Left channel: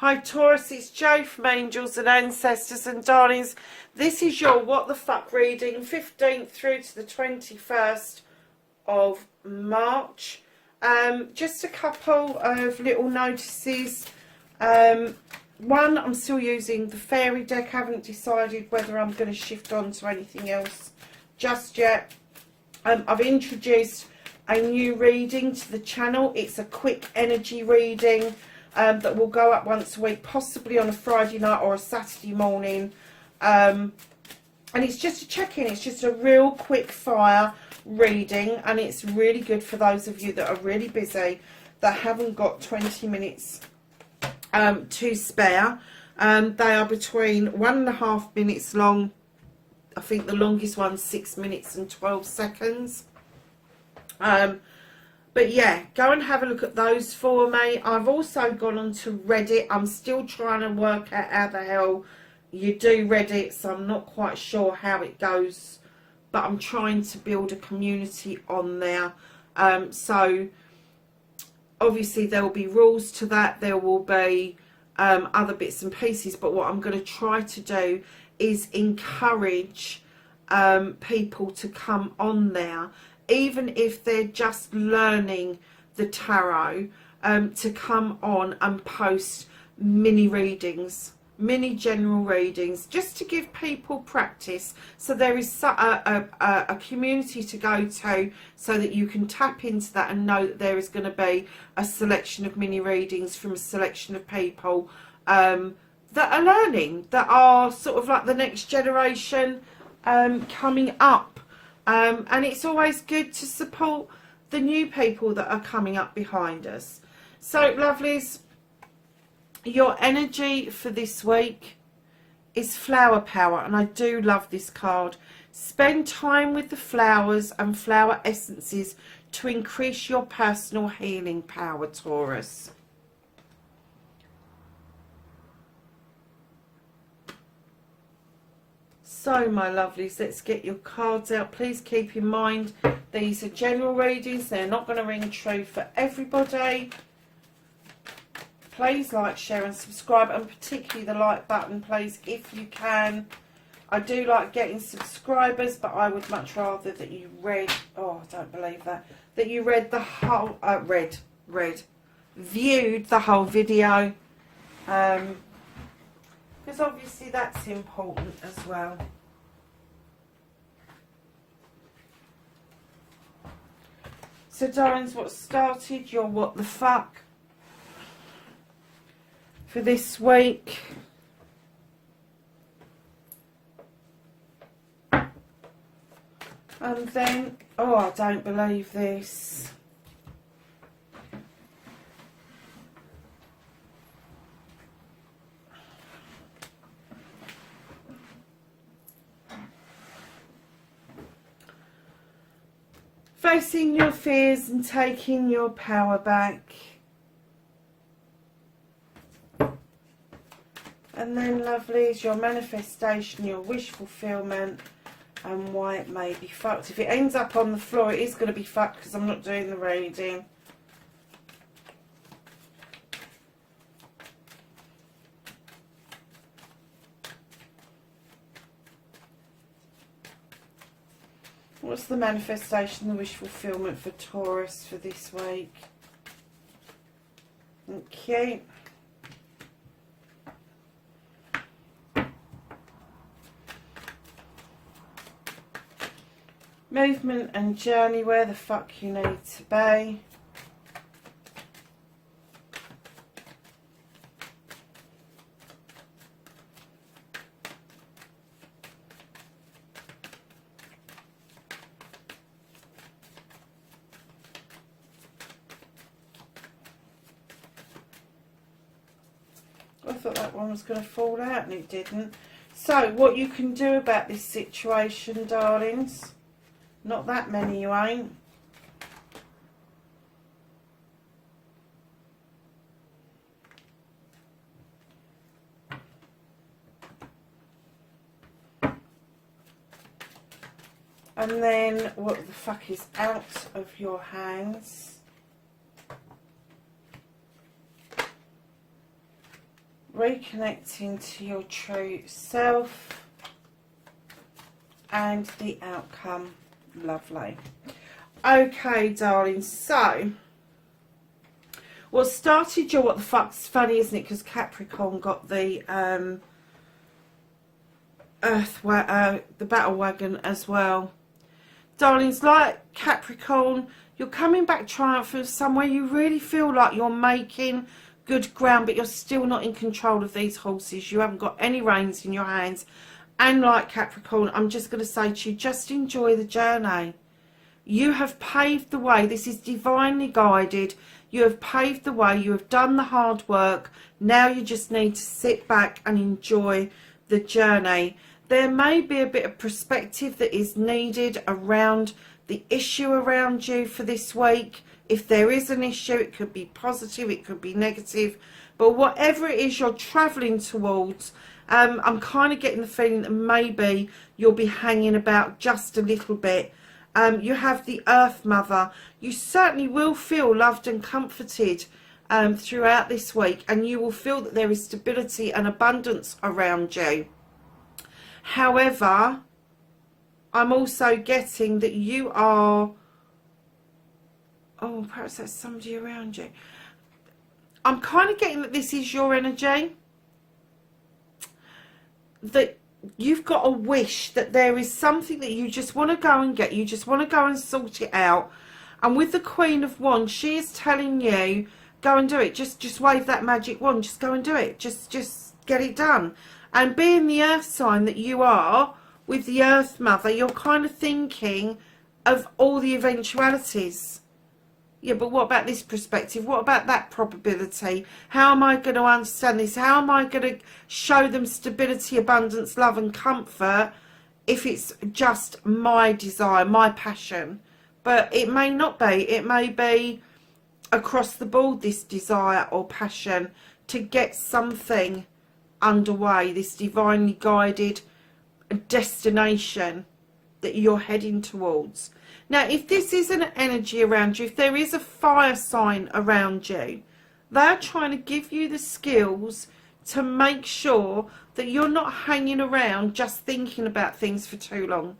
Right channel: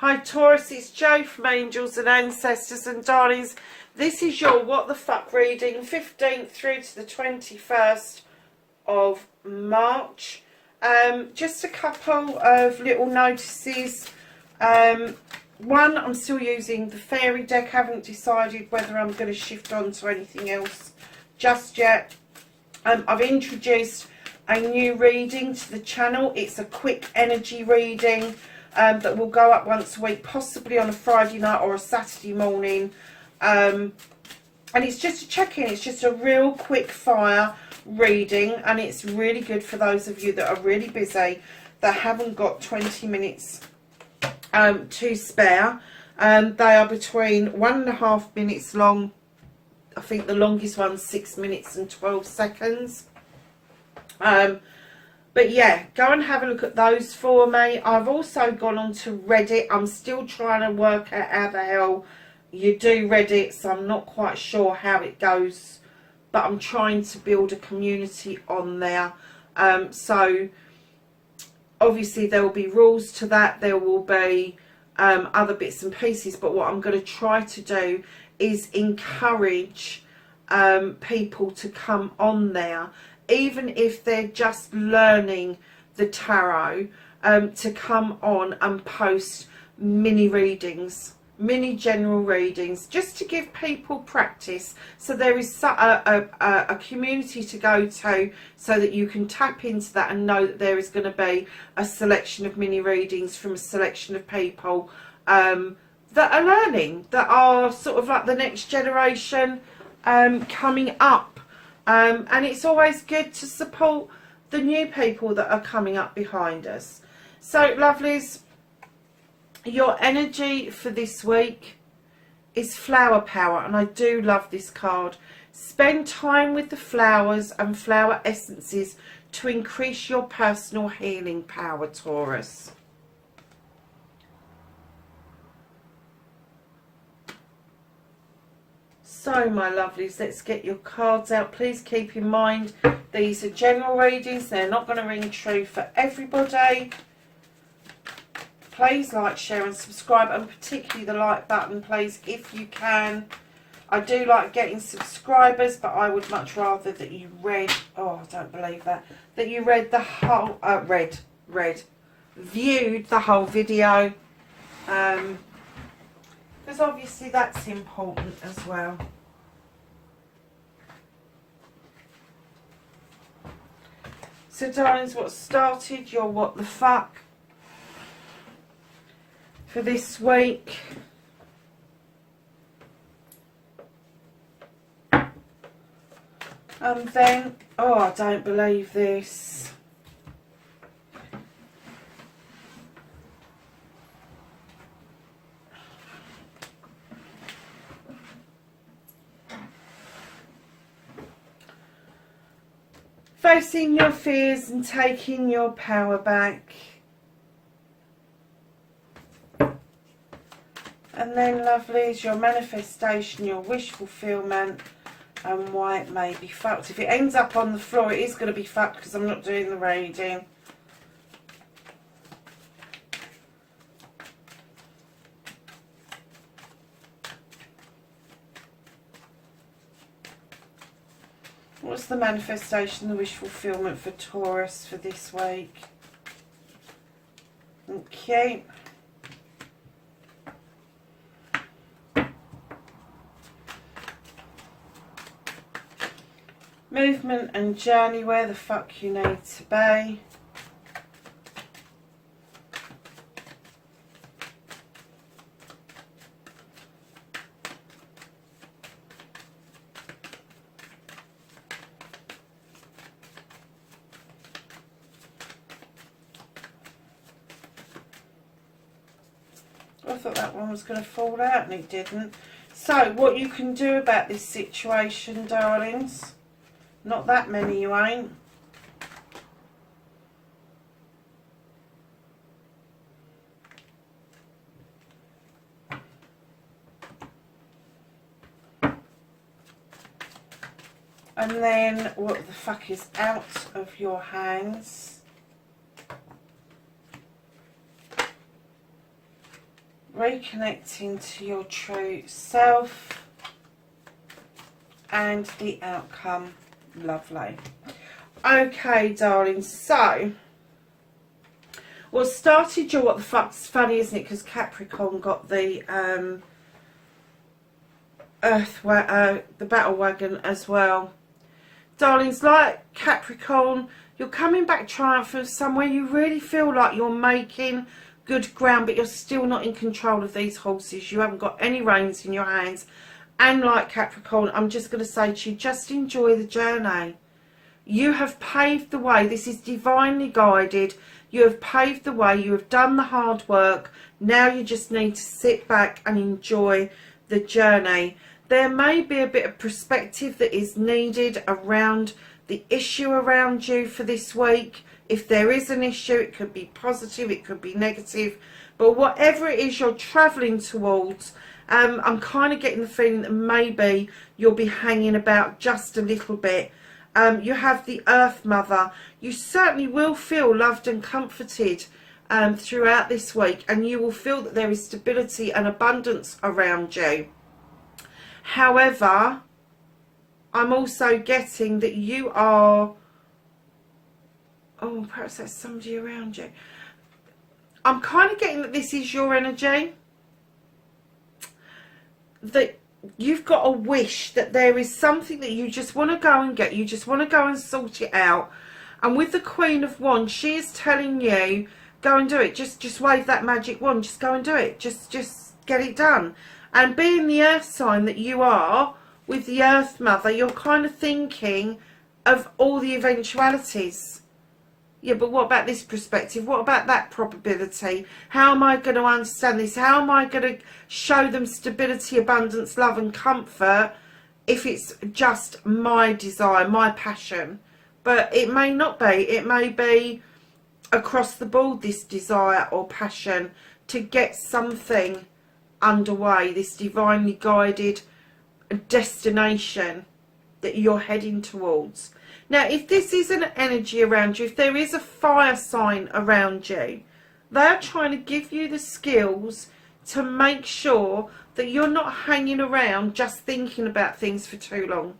Hi Taurus, it's Jo from Angels and Ancestors and Darlings. This is your What the Fuck reading, 15th through to the 21st of March. Just a couple of little notices. One, I'm still using the fairy deck. Haven't decided whether I'm going to shift on to anything else just yet. I've introduced a new reading to the channel. It's a quick energy reading. That will go up once a week, possibly on a Friday night or a Saturday morning. And it's just a check-in. It's just a real quick fire reading. And it's really good for those of you that are really busy, that haven't got 20 minutes to spare. They are between 1.5 minutes long. I think the longest one's 6 minutes and 12 seconds. But yeah, go and have a look at those for me. I've also gone on to Reddit. I'm still trying to work out how the hell you do Reddit, so I'm not quite sure how it goes. But I'm trying to build a community on there. So obviously there will be rules to that. There will be other bits and pieces. But what I'm going to try to do is encourage people to come on there, even if they're just learning the tarot, to come on and post mini readings, mini general readings, just to give people practice. So there is a community to go to, so that you can tap into that and know that there is going to be a selection of mini readings from a selection of people that are learning, that are sort of like the next generation coming up. And it's always good to support the new people that are coming up behind us. So, lovelies, your energy for this week is flower power. And I do love this card. Spend time with the flowers and flower essences to increase your personal healing power, Taurus. So, my lovelies, let's get your cards out. Please keep in mind, these are general readings. They're not going to ring true for everybody. Please like, share and subscribe, and particularly the like button, please, if you can. I do like getting subscribers, but I would much rather that you read, oh, I don't believe that, that you read the whole, viewed the whole video. Because obviously that's important as well. So, darlings, what started your what the fuck for this week? And then, oh, I don't believe this. Facing your fears and taking your power back. And then, lovelies, your manifestation, your wish fulfillment, and why it may be fucked. If it ends up on the floor, it is going to be fucked because I'm not doing the reading. What's the manifestation, the wish fulfillment for Taurus for this week? Okay. Movement and journey, where the fuck you need to be. I thought that one was going to fall out and it didn't. So, what you can do about this situation, darlings. Not that many you ain't. And then, what the fuck is out of your hands? reconnecting to your true self and the outcome. Lovely. Okay, darling, so what started your what the fuck's funny, isn't it? Because Capricorn got the the battle wagon as well. Darlings, like Capricorn, you're coming back triumphant somewhere. You really feel like you're making good ground, but you're still not in control of these horses. You haven't got any reins in your hands. And like Capricorn, I'm just going to say to you, just enjoy the journey. You have paved the way. This is divinely guided. You have paved the way. You have done the hard work. Now you just need to sit back and enjoy the journey. There may be a bit of perspective that is needed around the issue around you for this week. If there is an issue, it could be positive, it could be negative. But whatever it is you're travelling towards, I'm kind of getting the feeling that maybe you'll be hanging about just a little bit. You have the Earth Mother. You certainly will feel loved and comforted throughout this week, and you will feel that there is stability and abundance around you. However, I'm also getting that you are... Oh, perhaps that's somebody around you. I'm kind of getting that this is your energy. That you've got a wish that there is something that you just want to go and get. You just want to go and sort it out. And with the Queen of Wands, she is telling you, go and do it. Just wave that magic wand. Just go and do it. Just get it done. And being the earth sign that you are, with the Earth Mother, you're kind of thinking of all the eventualities. Yeah, but what about this perspective? What about that probability? How am I going to understand this? How am I going to show them stability, abundance, love and comfort if it's just my desire, my passion? But it may not be. It may be across the board, this desire or passion to get something underway, this divinely guided destination that you're heading towards. Now, if this is an energy around you, if there is a fire sign around you, they're trying to give you the skills to make sure that you're not hanging around just thinking about things for too long.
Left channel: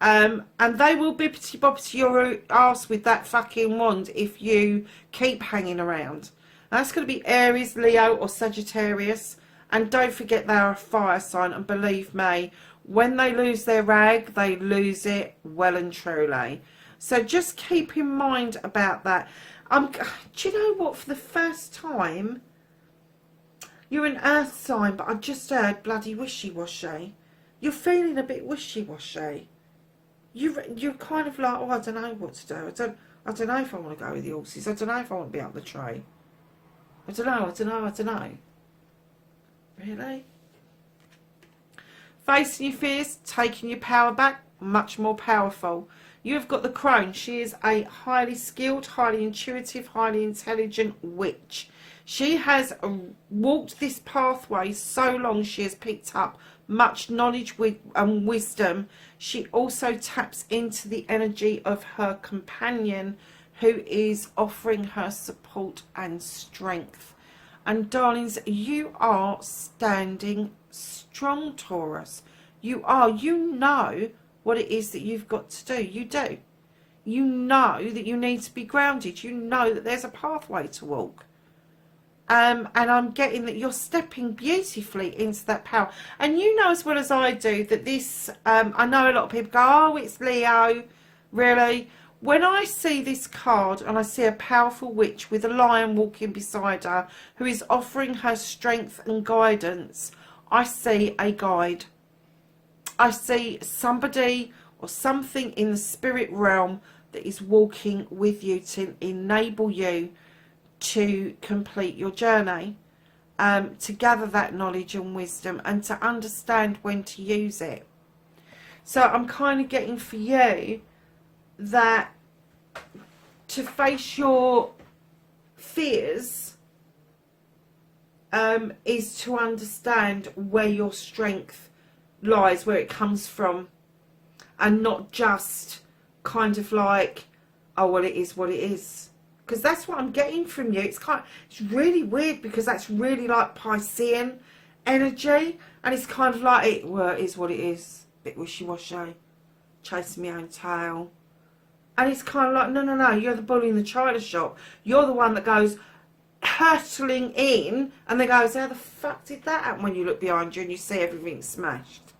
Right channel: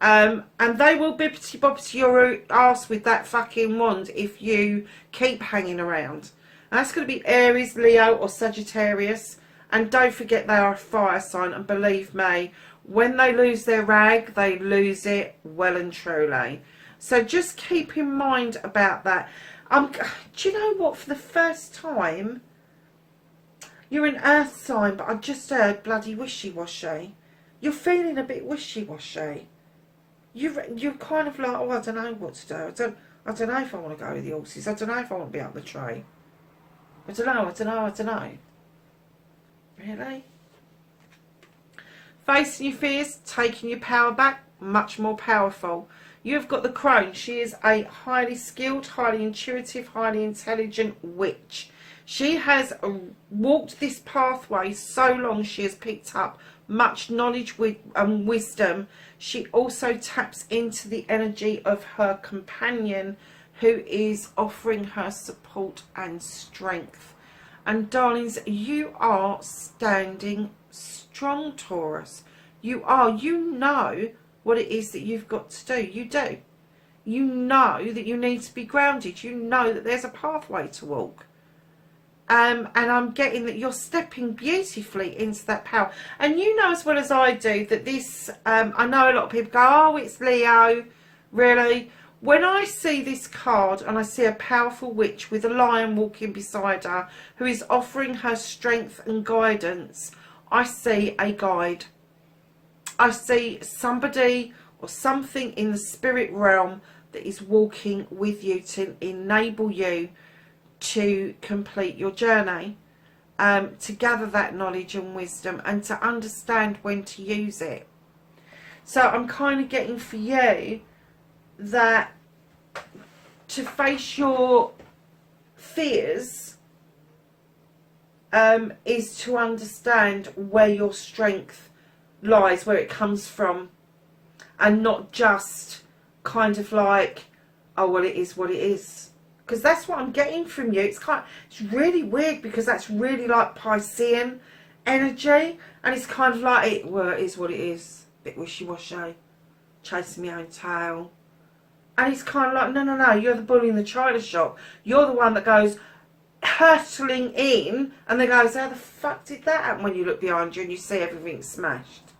And they will bippity-boppity your ass with that fucking wand if you keep hanging around. That's going to be Aries, Leo or Sagittarius. And don't forget they are a fire sign. And believe me, when they lose their rag, they lose it well and truly. So just keep in mind about that. Do you know what? For the first time, you're an earth sign, but I've just heard bloody wishy-washy. You're feeling a bit wishy-washy. You're kind of like, oh, I don't know what to do. I don't know if I want to go with the horses. I don't know if I want to be up the tree. I don't know. Really? Facing your fears, taking your power back, much more powerful. You've got the crone. She is a highly skilled, highly intuitive, highly intelligent witch. She has walked this pathway so long she has picked up much knowledge and wisdom. She also taps into the energy of her companion who is offering her support and strength. And darlings, you are standing strong, Taurus. You are. You know what it is that you've got to do. You do. You know that you need to be grounded. You know that there's a pathway to walk. And I'm getting that you're stepping beautifully into that power. And you know as well as I do that this, I know a lot of people go, oh, it's Leo. Really? When I see this card and I see a powerful witch with a lion walking beside her who is offering her strength and guidance, I see a guide. I see somebody or something in the spirit realm that is walking with you to enable you to complete your journey, to gather that knowledge and wisdom and to understand when to use it. So I'm kind of getting for you that to face your fears is to understand where your strength lies, where it comes from, and not just kind of like, oh well, it is what it is, because that's what I'm getting from you. It's really weird, because that's really like Piscean energy, and it's kind of like, well, it is what it is, bit wishy-washy, chasing my own tail. And it's kind of like, no, you're the bull in the china shop. You're the one that goes hurtling in, and then goes, how the fuck did that happen, when you look behind you and you see everything smashed.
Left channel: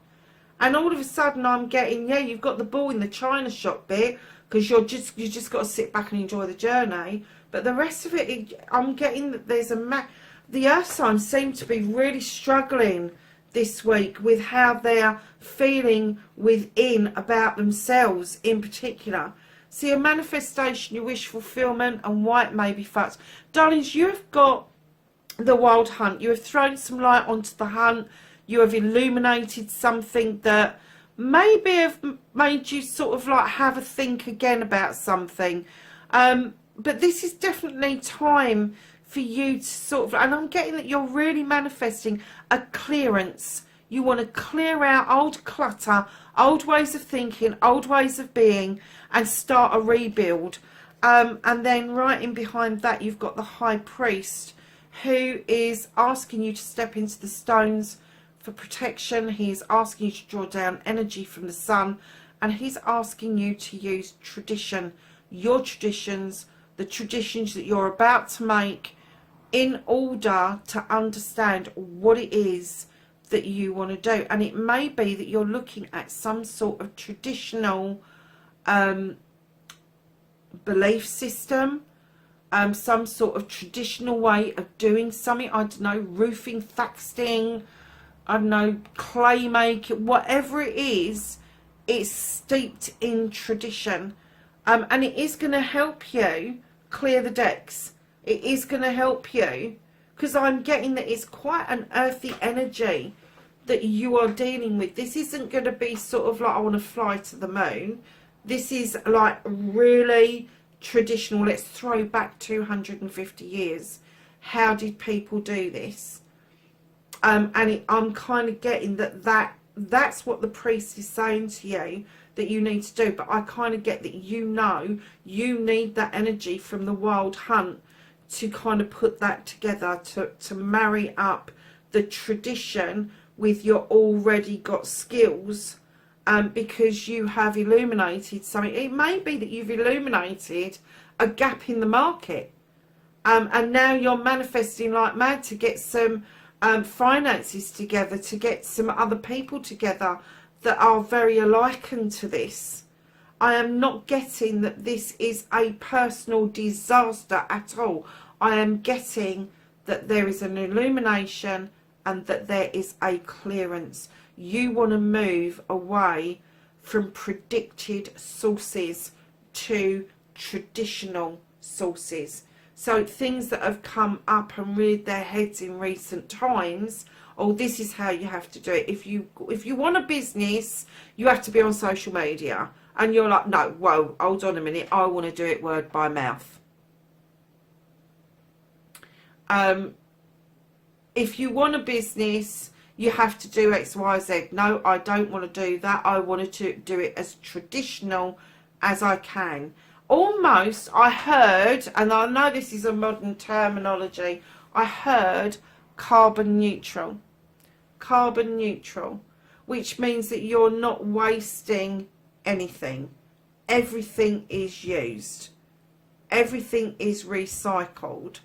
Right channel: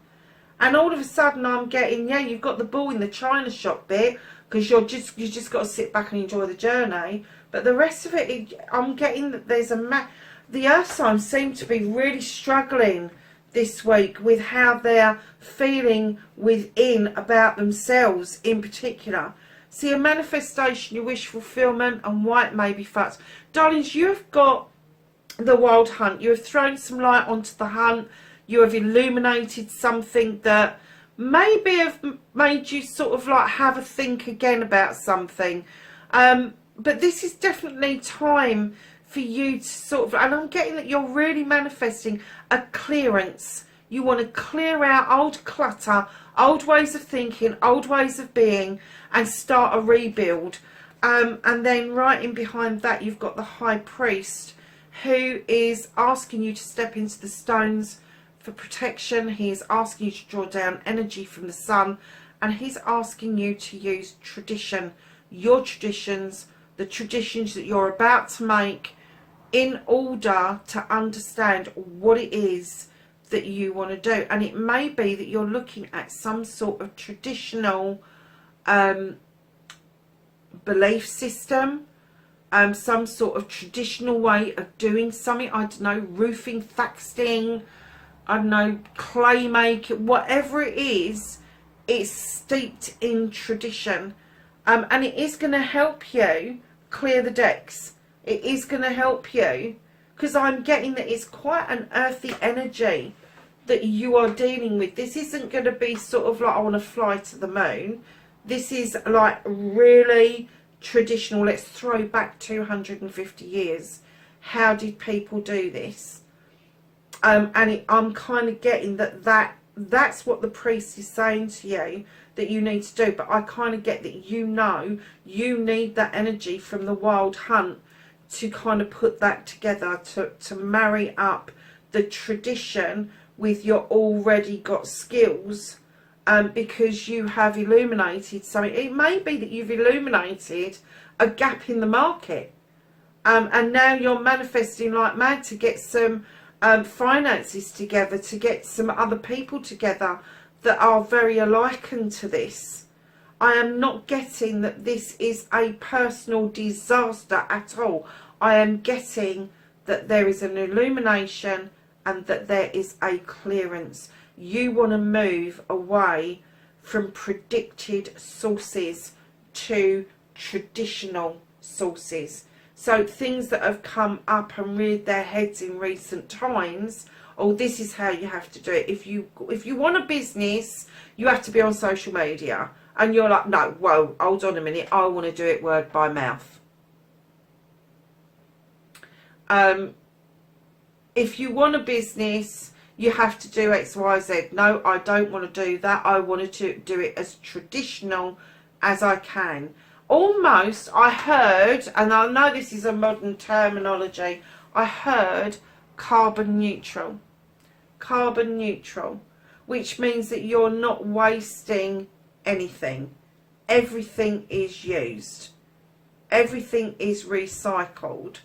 And all of a sudden I'm getting, yeah, you've got the bull in the china shop bit, because you just got to sit back and enjoy the journey. But the rest of it, I'm getting that there's the earth signs seem to be really struggling this week with how they're feeling within about themselves in particular. See, a manifestation, your wish fulfillment, and why it may be fucked. Darlings, you have got the wild hunt. You have thrown some light onto the hunt. You have illuminated something that maybe have made you sort of like have a think again about something. But this is definitely time for you to sort of, and I'm getting that you're really manifesting a clearance. You want to clear out old clutter, old ways of thinking, old ways of being, and start a rebuild. And then right in behind that, you've got the High Priest, who is asking you to step into the stones for protection. He is asking you to draw down energy from the sun, and he's asking you to use tradition, your traditions, the traditions that you're about to make, in order to understand what it is that you want to do. And it may be that you're looking at some sort of traditional belief system, some sort of traditional way of doing something. I don't know, roofing, thatching, I don't know, clay making, whatever it is, it's steeped in tradition. And it is going to help you clear the decks. It is going to help you, because I'm getting that it's quite an earthy energy that you are dealing with. This isn't going to be sort of like, I want to fly to the moon. This is like really traditional. Let's throw back 250 years. How did people do this? I'm kind of getting that's what the priest is saying to you that you need to do. But I kind of get that you need that energy from the wild hunt to kind of put that together, to marry up the tradition with your already got skills, because you have illuminated something. It may be that you've illuminated a gap in the market, and now you're manifesting like mad to get some finances together, to get some other people together that are very alike to this. I am not getting that this is a personal disaster at all. I am getting that there is an illumination and that there is a clearance. You want to move away from predicted sources to traditional sources. So things that have come up and reared their heads in recent times, oh, this is how you have to do it. If you want a business, you have to be on social media. And you're like, no, whoa, hold on a minute. I want to do it word by mouth. If you want a business, you have to do X, Y, Z. No, I don't want to do that. I wanted to do it as traditional as I can. Almost, I heard, and I know this is a modern terminology, I heard carbon neutral. Carbon neutral, which means that you're not wasting anything. Everything is used. Everything is recycled.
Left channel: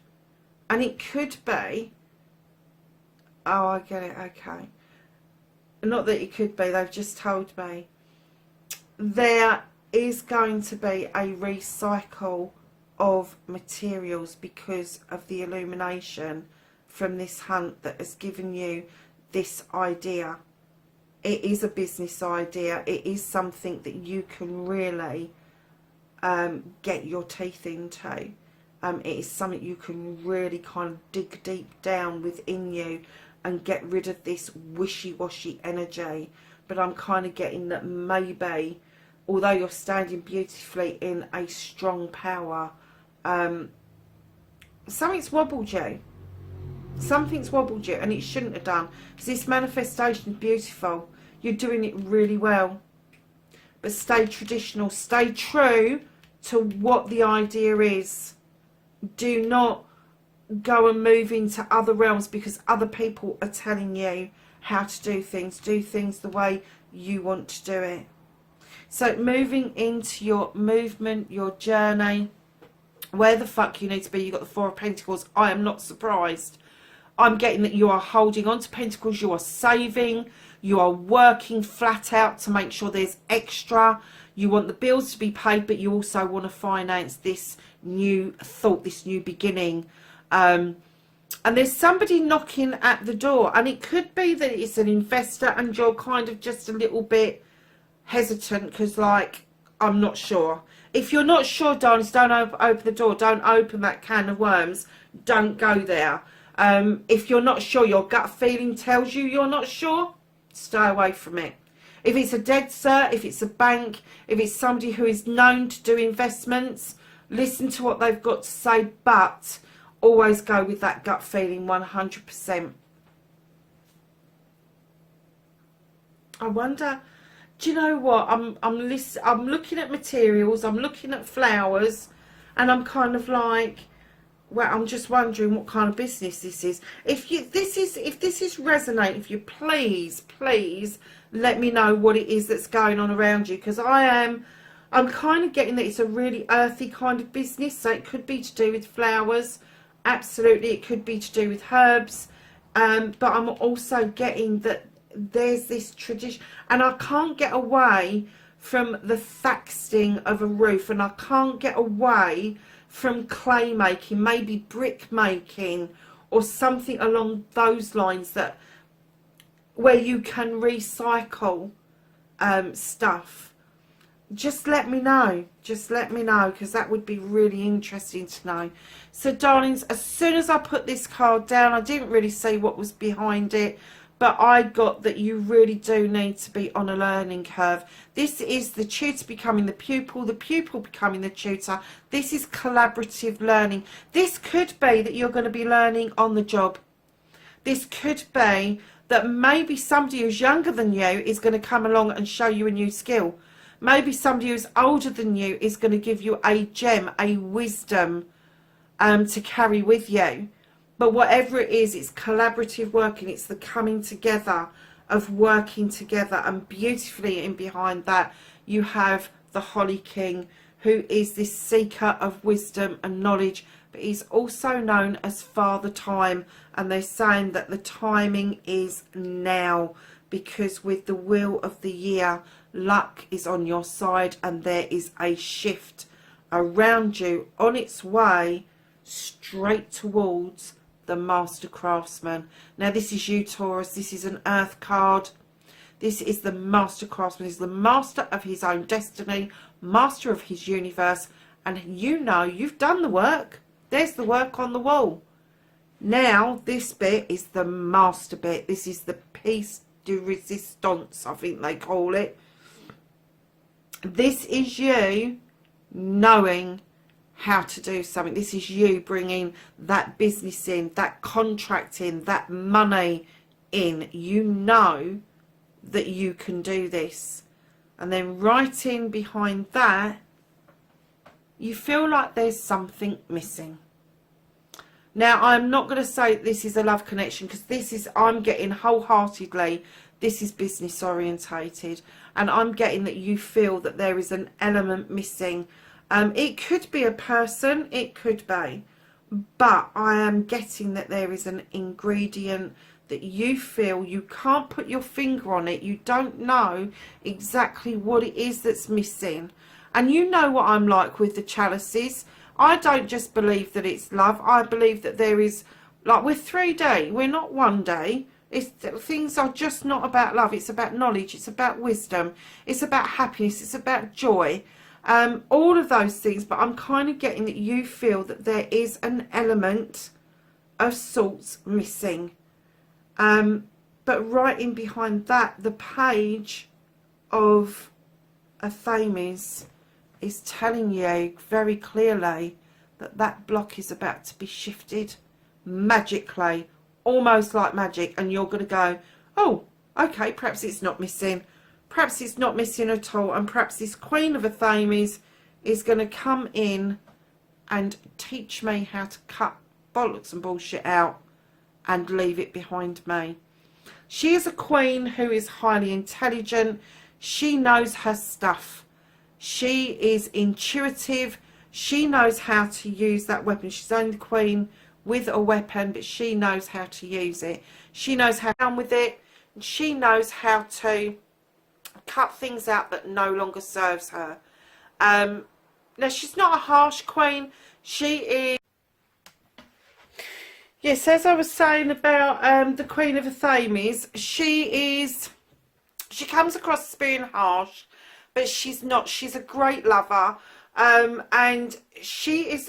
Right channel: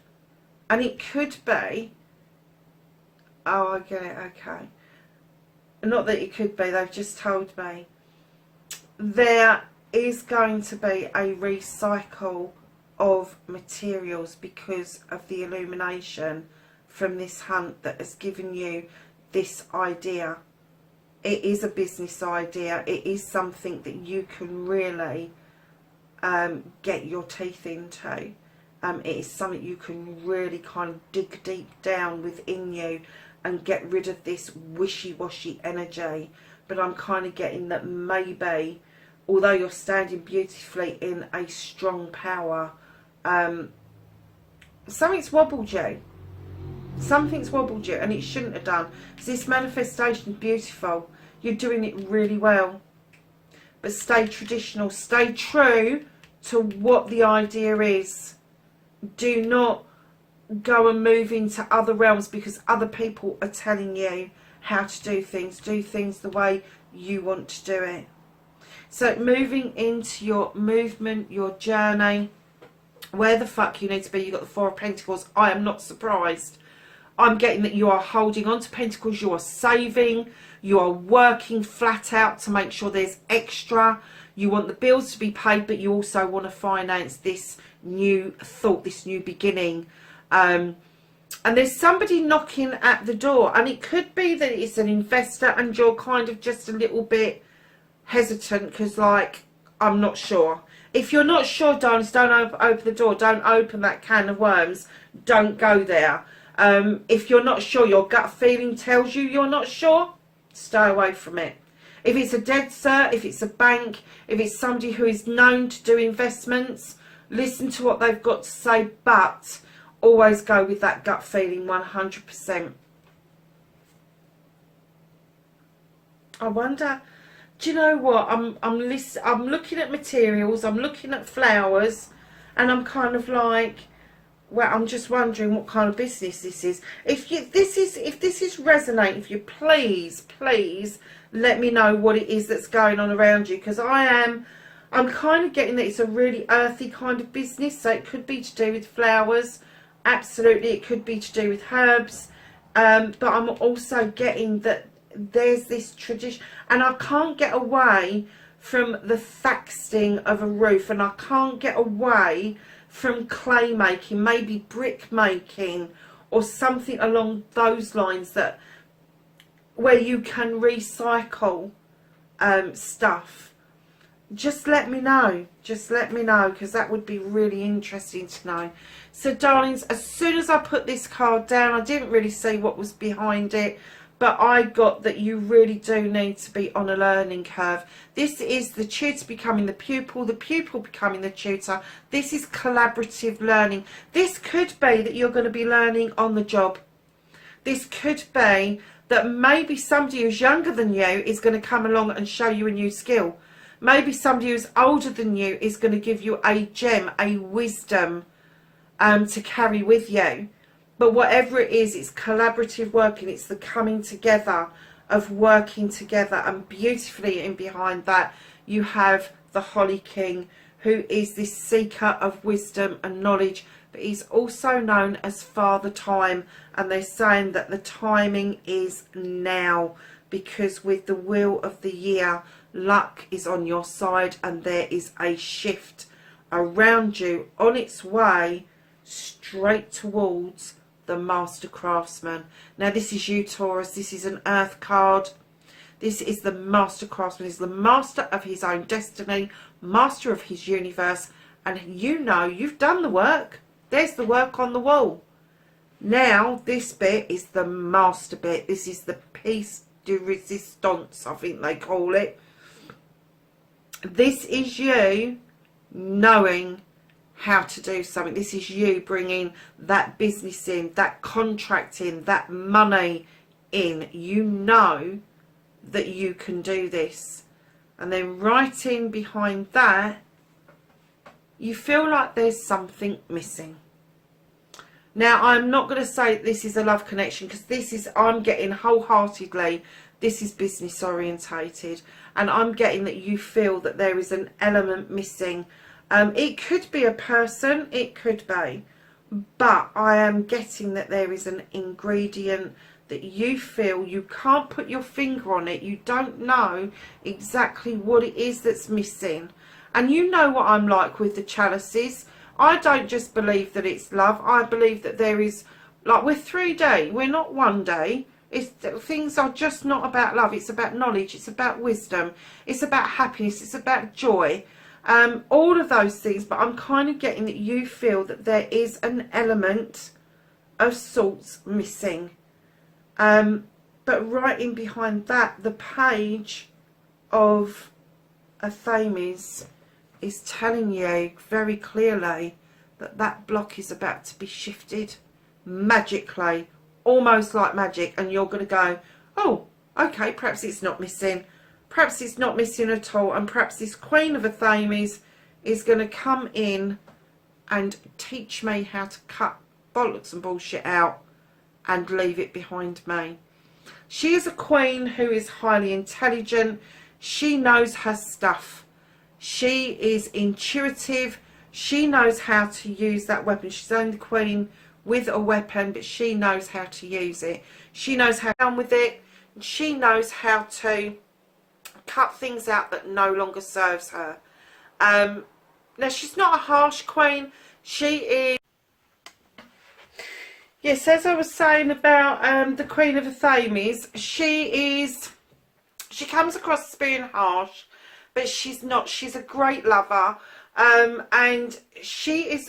And it could be, oh, I get it, okay. Not that it could be, they've just told me. There is going to be a recycle of materials because of the illumination from this hunt that has given you this idea. It is a business idea. It is something that you can really get your teeth into. It is something you can really kind of dig deep down within you and get rid of this wishy-washy energy. But I'm kind of getting that maybe, although you're standing beautifully in a strong power, something's wobbled you. Something's wobbled you, and it shouldn't have done. Because this manifestation is beautiful. You're doing it really well. But stay traditional. Stay true to what the idea is. Do not go and move into other realms because other people are telling you how to do things. Do things the way you want to do it. So moving into your movement, your journey, where the fuck you need to be. You've got the Four of Pentacles. I am not surprised. I'm getting that you are holding on to Pentacles. You are saving. You are working flat out to make sure there's extra. You want the bills to be paid, but you also want to finance this new thought, this new beginning. And there's somebody knocking at the door, and it could be that it's an investor and you're kind of just a little bit hesitant because, like, I'm not sure. If you're not sure, darlings, don't open the door. Don't open that can of worms. Don't go there. If you're not sure, your gut feeling tells you you're not sure, stay away from it. If it's a dead cert, if it's a bank, if it's somebody who is known to do investments, listen to what they've got to say, but always go with that gut feeling 100%. I wonder, do you know what? I'm looking at materials, I'm looking at flowers, and I'm kind of like, well, I'm just wondering what kind of business this is. If this is resonating, if you please let me know what it is that's going on around you, because I'm kind of getting that it's a really earthy kind of business. So it could be to do with flowers, absolutely. It could be to do with herbs, but I'm also getting that there's this tradition, and I can't get away from the thatching of a roof, and I can't get away from clay making, maybe brick making or something along those lines, that where you can recycle stuff. Just let me know, because that would be really interesting to know. So darlings, as soon as I put this card down, I didn't really see what was behind it, but I got that you really do need to be on a learning curve. This is the tutor becoming the pupil becoming the tutor. This is collaborative learning. This could be that you're going to be learning on the job. This could be that maybe somebody who's younger than you is going to come along and show you a new skill. Maybe somebody who's older than you is going to give you a gem, a wisdom to carry with you. But whatever it is, it's collaborative working. It's the coming together of working together. And beautifully in behind that, you have the Holly King, who is this seeker of wisdom and knowledge. But he's also known as Father Time. And they're saying that the timing is now. Because with the wheel of the year, luck is on your side. And there is a shift around you on its way straight towards the Master Craftsman. Now this is you, Taurus. This is an earth card. This is the Master Craftsman. He's the master of his own destiny, master of his universe, and you know you've done the work. There's the work on the wall. Now this bit is the master bit. This is the piece de resistance, I think they call it. This is you knowing how to do something. This is you bringing that business in, that contract in, that money in. You know that you can do this. And then right in behind that, you feel like there's something missing. Now, I'm not going to say this is a love connection, because this is, I'm getting wholeheartedly, this is business orientated. And I'm getting that you feel that there is an element missing. It could be a person, it could be, but I am getting that there is an ingredient that you feel you can't put your finger on it. You don't know exactly what it is that's missing. And you know what I'm like with the chalices. I don't just believe that it's love. I believe that there is, like, we're 3D, we're not 1D. Things are just not about love. It's about knowledge, it's about wisdom, it's about happiness, it's about joy. All of those things, but I'm kind of getting that you feel that there is an element of sorts missing. But right in behind that, the page of a Thames is telling you very clearly that that block is about to be shifted magically, almost like magic, and you're going to go, oh, okay, perhaps it's not missing. Perhaps it's not missing at all, and perhaps this Queen of a Thames is going to come in and teach me how to cut bollocks and bullshit out and leave it behind me. She is a queen who is highly intelligent. She knows her stuff. She is intuitive. She knows how to use that weapon. She's only the queen with a weapon, but she knows how to use it. She knows how to get on with it. She knows how to cut things out that no longer serves her. Now, she's not a harsh queen. She is... Yes, as I was saying about the Queen of Athames, she comes across as being harsh, but she's not. She's a great lover. And she's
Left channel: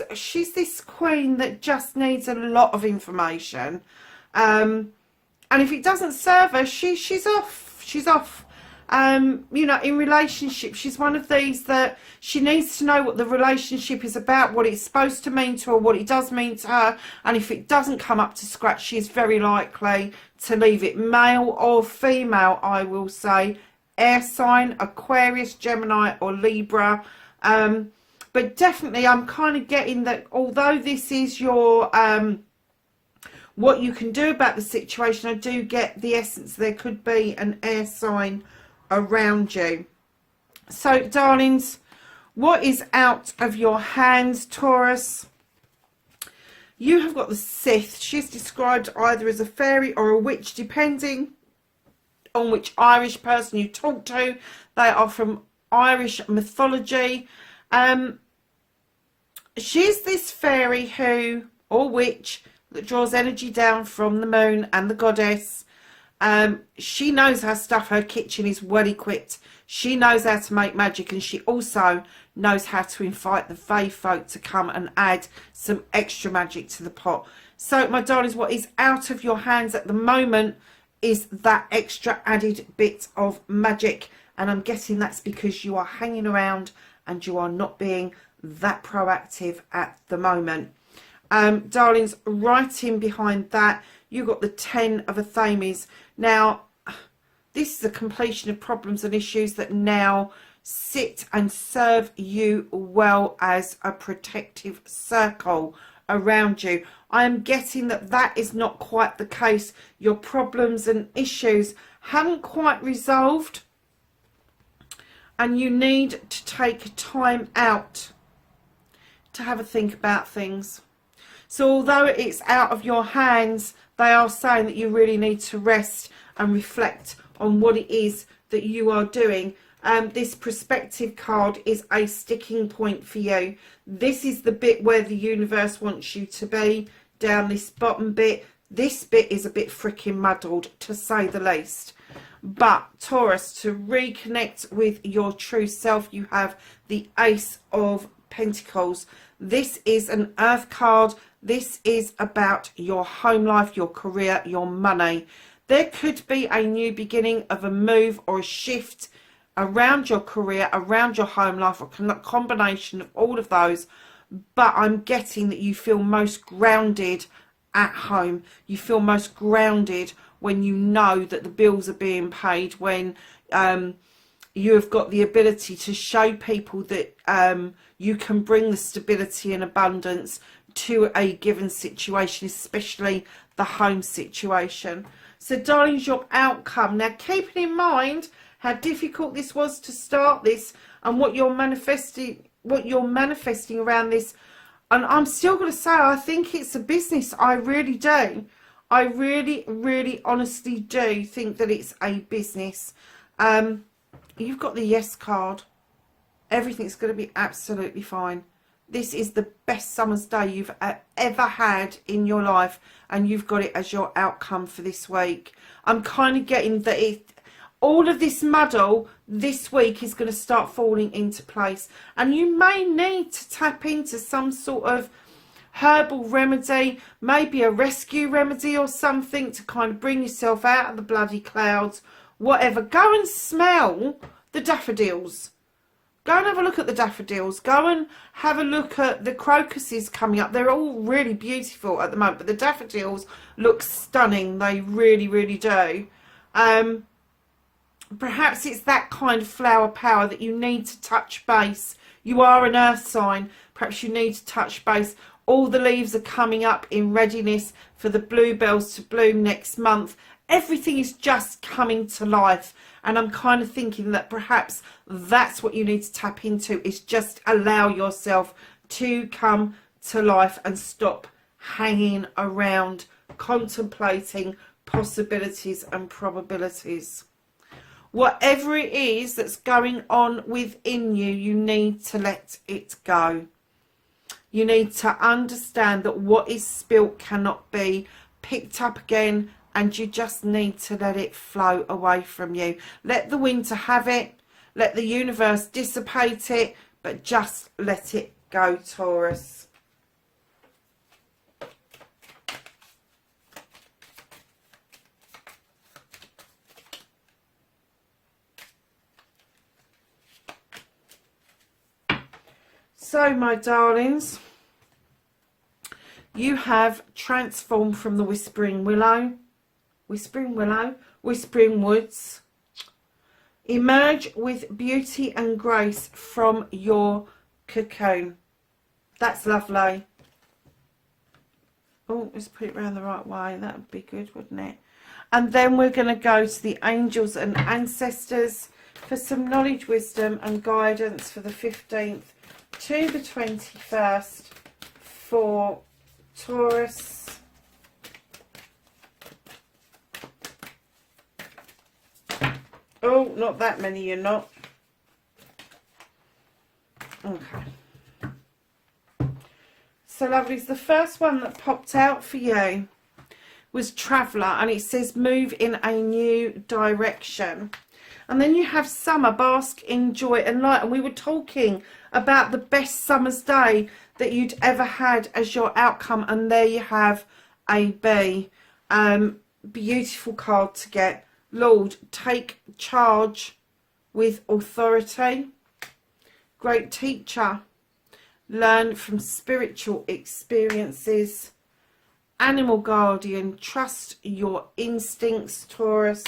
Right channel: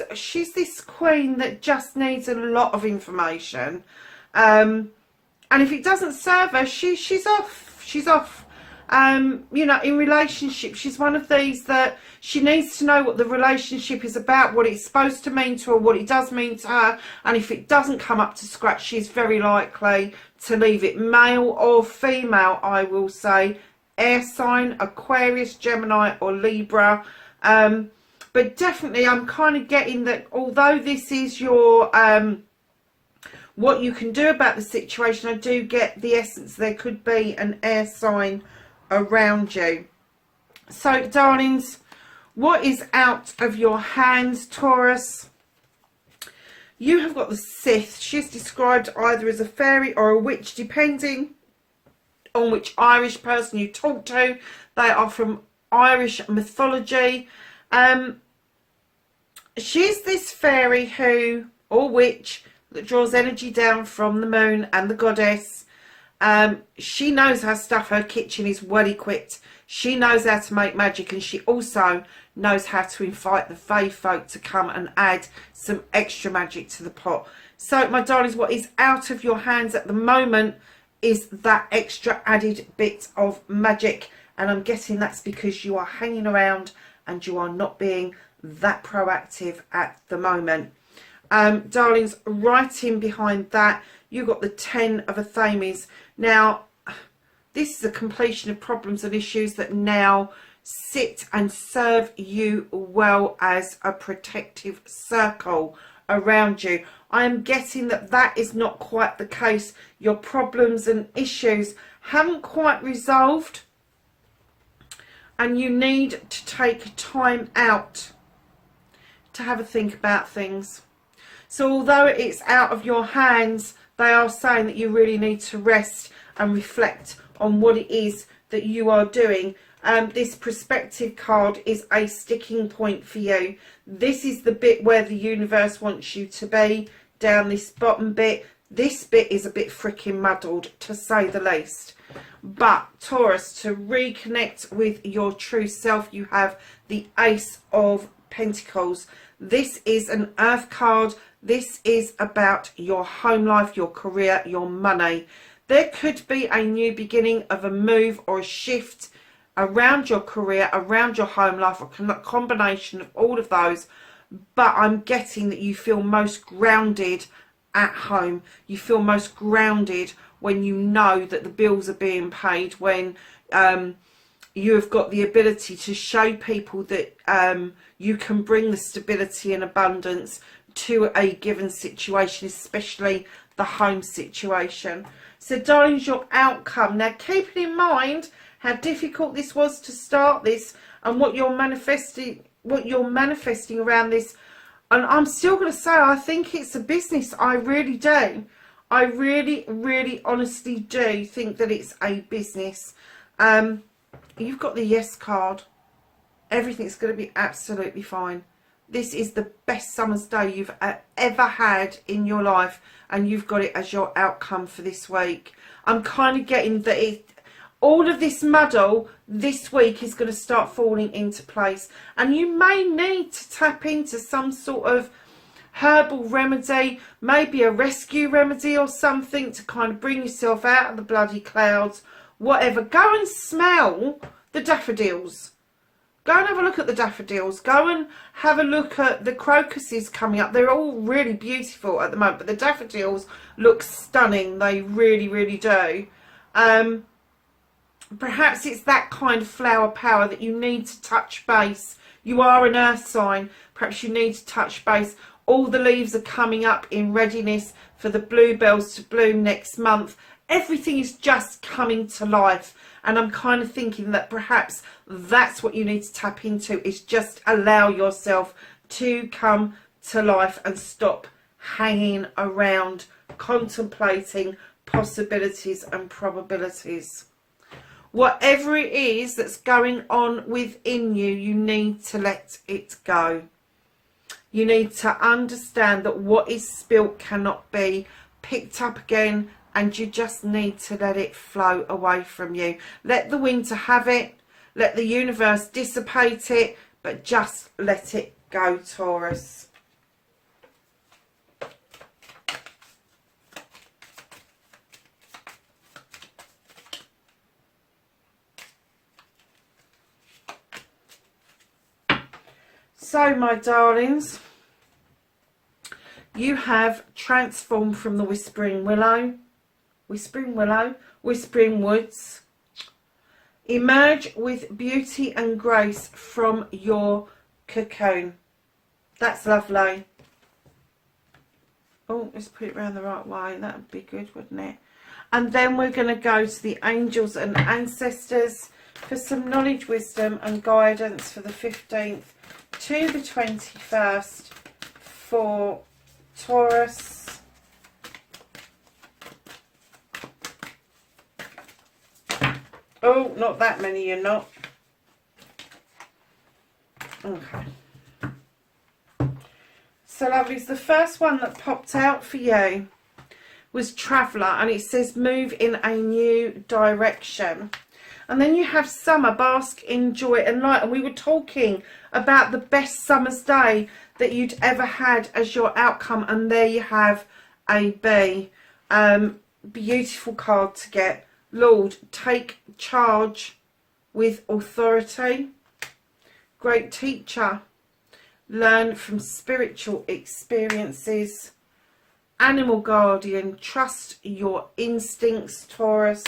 this queen that just needs a lot of information, and if it doesn't serve her, she's off. You know, in relationships, she's one of these that she needs to know what the relationship is about, what it's supposed to mean to her, what it does mean to her, and if it doesn't come up to scratch, she's very likely to leave it. Male or female, I will say, air sign, Aquarius, Gemini or Libra. But definitely I'm kind of getting that although this is your what you can do about the situation, I do get the essence there could be an air sign around you. So darlings, what is out of your hands, Taurus? You have got the Sith. She's described either as a fairy or a witch, depending on which Irish person you talk to. They are from Irish mythology. She's this fairy who, or witch, that draws energy down from the moon and the goddess. She knows her stuff. Her kitchen is well equipped. She knows how to make magic, and she also knows how to invite the fae folk to come and add some extra magic to the pot. So my darlings, what is out of your hands at the moment is that extra added bit of magic, and I'm guessing that's because you are hanging around and you are not being that proactive at the moment. Darlings, right in behind that, you got the 10 of Athames. Now, this is a completion of problems and issues that now sit and serve you well as a protective circle around you. I am getting that that is not quite the case. Your problems and issues haven't quite resolved, and you need to take time out to have a think about things. So although it's out of your hands, they are saying that you really need to rest and reflect on what it is that you are doing. This perspective card is a sticking point for you. This is the bit where the universe wants you to be, down this bottom bit. This bit is a bit freaking muddled, to say the least. But Taurus, to reconnect with your true self, you have the Ace of Pentacles. This is an earth card. This is about your home life, your career, your money. There could be a new beginning of a move or a shift around your career, around your home life, or a combination of all of those. But I'm getting that you feel most grounded at home. You feel most grounded when you know that the bills are being paid, when you have got the ability to show people that you can bring the stability and abundance to a given situation, especially the home situation. So darlings, your outcome. Now keeping in mind how difficult this was to start this and what you're manifesting around this, and I'm still going to say I think it's a business. I really do. I really honestly do think that it's a business. You've got the yes card. Everything's going to be absolutely fine. This is the best summer's day you've ever had in your life, and you've got it as your outcome for this week. I'm kind of getting that all of this muddle this week is going to start falling into place, and you may need to tap into some sort of herbal remedy, maybe a rescue remedy or something to kind of bring yourself out of the bloody clouds. Whatever. Go and smell the daffodils. Go and have a look at the daffodils. Go and have a look at the crocuses coming up. They're all really beautiful at the moment, but the daffodils look stunning. They really do. Perhaps it's that kind of flower power that you need to touch base. You are an earth sign. Perhaps you need to touch base. All the leaves are coming up in readiness for the bluebells to bloom next month. Everything is just coming to life. And I'm kind of thinking that perhaps that's what you need to tap into, is just allow yourself to come to life and stop hanging around contemplating possibilities and probabilities. Whatever it is that's going on within you, you need to let it go. You need to understand that what is spilt cannot be picked up again, and you just need to let it flow away from you. Let the winter have it. Let the universe dissipate it, but just let it go, Taurus. So, my darlings, you have transformed from the Whispering Woods. Emerge with beauty and grace from your cocoon. That's lovely. Oh, let's put it around the right way. That would be good, wouldn't it? And then we're going to go to the angels and ancestors for some knowledge, wisdom and guidance for the 15th to the 21st for Taurus. Oh, not that many, you're not. Okay. So, lovelies, the first one that popped out for you was Traveller, and it says move in a new direction. And then you have Summer, bask in joy and light. And we were talking about the best summer's day that you'd ever had as your outcome. And there you have a B. Beautiful card to get. Lord, take charge with authority. Great teacher. Learn from spiritual experiences. Animal guardian, trust your instincts, Taurus.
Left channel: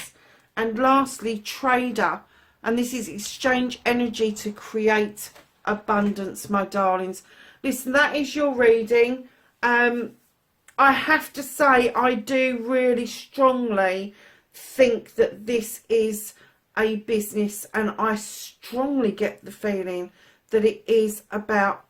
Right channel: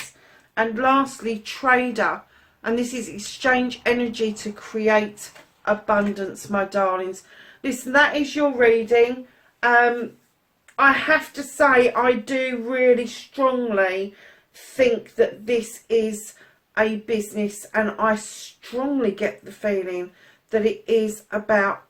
And lastly, trader, and this is exchange energy to create abundance, my darlings. Listen, that is your reading. I have to say, I do really strongly think that this is a business, and I strongly get the feeling that it is about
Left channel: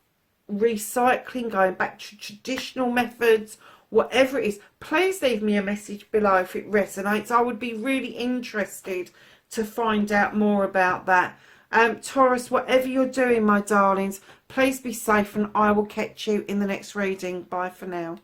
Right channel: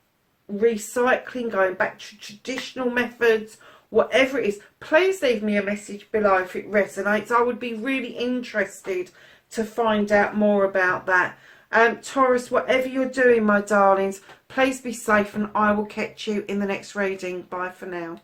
recycling, going back to traditional methods, whatever it is. Please leave me a message below if it resonates. I would be really interested to find out more about that. Taurus, whatever you're doing, my darlings, please be safe, and I will catch you in the next reading. Bye for now.